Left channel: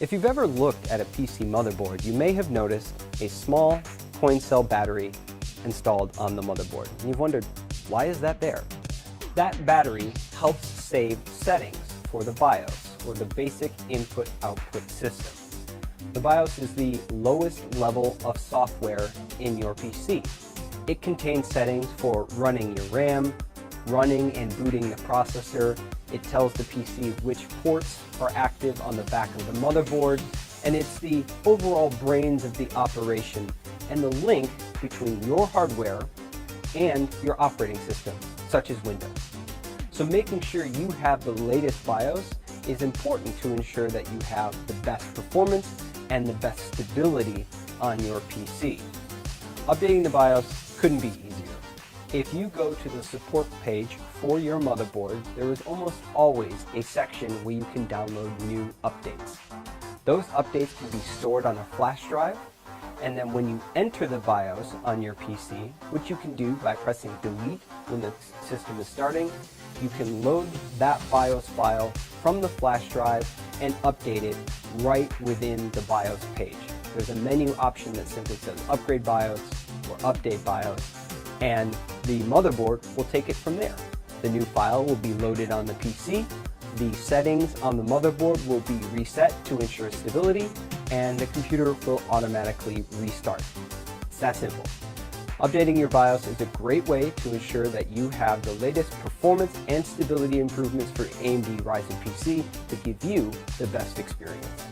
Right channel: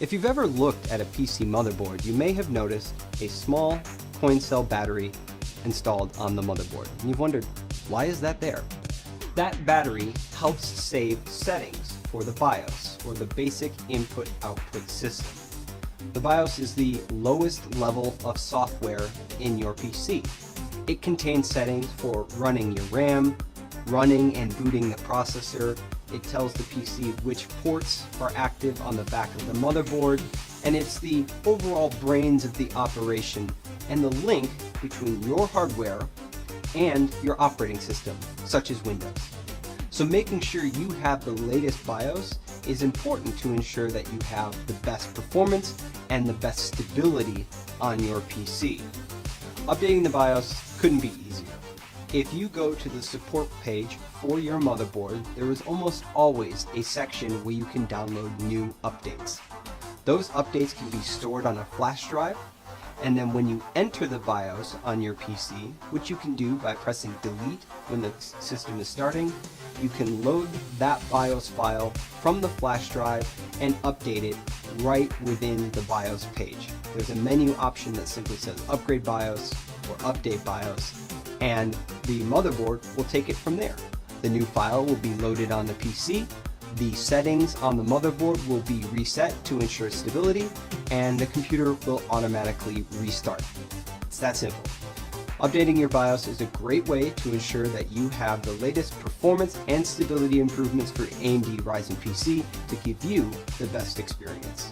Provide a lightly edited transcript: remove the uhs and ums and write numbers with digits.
If you've ever looked at a PC motherboard, you may have noticed a small coin cell battery installed on the motherboard. And you've wondered, why is that there? That battery helps save settings for the BIOS, or the basic input-output system. The BIOS is the lowest level of software in your PC. It contains settings for running your RAM, running and booting the processor. It tells the PC which ports are active on the back of the motherboard, and it's the overall brains of the operation and the link between your hardware and your operating system, such as Windows. So making sure you have the latest BIOS is important to ensure that you have the best performance and the best stability on your PC. Updating the BIOS couldn't be easier. If you go to the support page for your motherboard, there is almost always a section where you can download new updates. Those updates can be stored on a flash drive, and then when you enter the BIOS on your PC, which you can do by pressing delete when the system is starting, you can load that BIOS file from the flash drive and update it right within the BIOS page. There's a menu option that simply says upgrade BIOS or update BIOS, and the motherboard will take it from there. The new file will be loaded on the PC, the settings on the motherboard will be reset to ensure stability, and the computer will automatically restart. It's that simple. Updating your BIOS is a great way to ensure that you have the latest performance and stability improvements for AMD Ryzen PC to give you the best experience.